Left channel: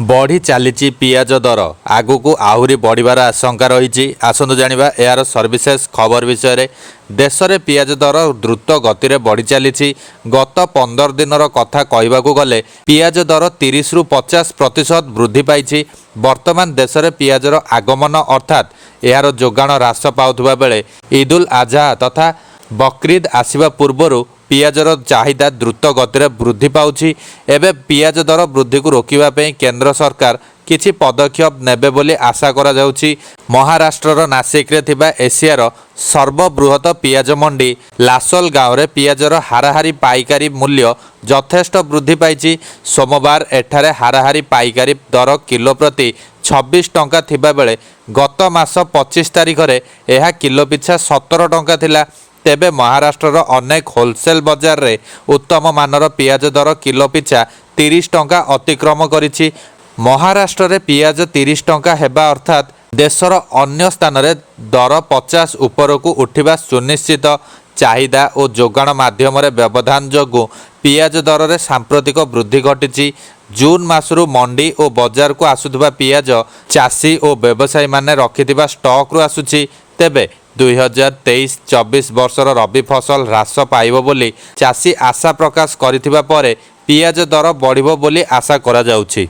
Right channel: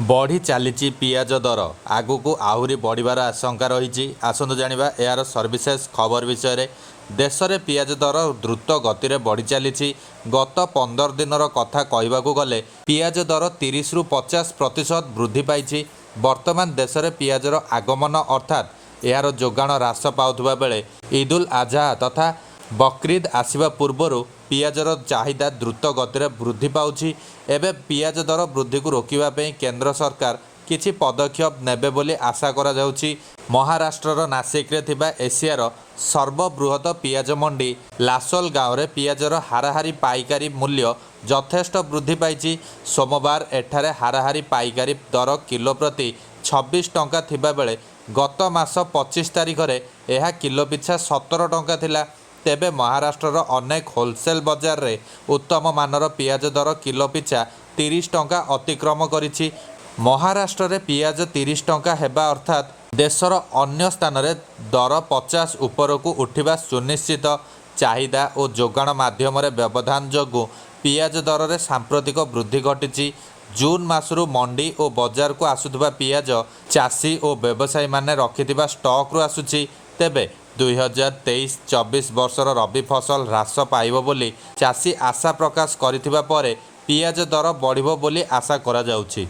बढ़ी चली पियाज दर आगु आहरी बढ़िबार आशंका रही। आसतु जानिबा यार सर्विसेस खबर विषय। देश में पियाज दर द्रुत गति में बढ़ी चली। गत 15 दिनर कथा कहबाकू गले पियाज दर 30 रु 50% वृद्धि पाई। वर्तमान देश में पियाजर आगमन अर्थात यार जोगाण ह्रास पाउथुबा बेले ईद उल आजहा तथा बकरीद आसिबा पूर्वरु पियाजर चाहिदा द्रुत गति में वृद्धि पाउछि। एबे पियाज दर वृद्धि को रोकिबा पई केंद्र सरकार किछि पदक्षेप नेबे बोली आशा करा जाउछि। महाराष्ट्रर नासिक रे थिबा एशियार सर्वबृहत पियाज मंडी लासल गाँव रे पियाजर हाराहारी पाइकारी मूल्य यथेष्ट वृद्धि पाई। सोमवार एठारे हाराहारी पाइकारी दर किलो प्रति 26 टंका थिबा बेले गत मास 25 तारिख रे एहा किलो पिछा 17 टंका थिला। तेबे महाराष्ट्रर अनेक होलसेल बजार रे उत्तम मानर पियाज दर किलो पिछा 30 टंका अतिक्रम करिछि। महाराष्ट्र रे पियाज 30 टंका हेबा अर्थात देशर अन्य स्थान रे दर 50 उपरकू उठिबा सुनिश्चित। चाहिदा और जोगाण माध्यम रे व्यवधान जोगु पियाज दर रे सांप्रतिक वृद्धि घटिछि। जून मासरू मंडी और बजार को आसुथबा पियाज चाषी और व्यवसायी माने रखिथिबा स्टॉक रु आसुछि। तेबे 2023-24 वर्षर रबी फसल ह्रास पाइब बोली चाषी आशा प्रकाश करिथिबा परे पियाज दर बढ़िबो बोली आशा करा जाउछि।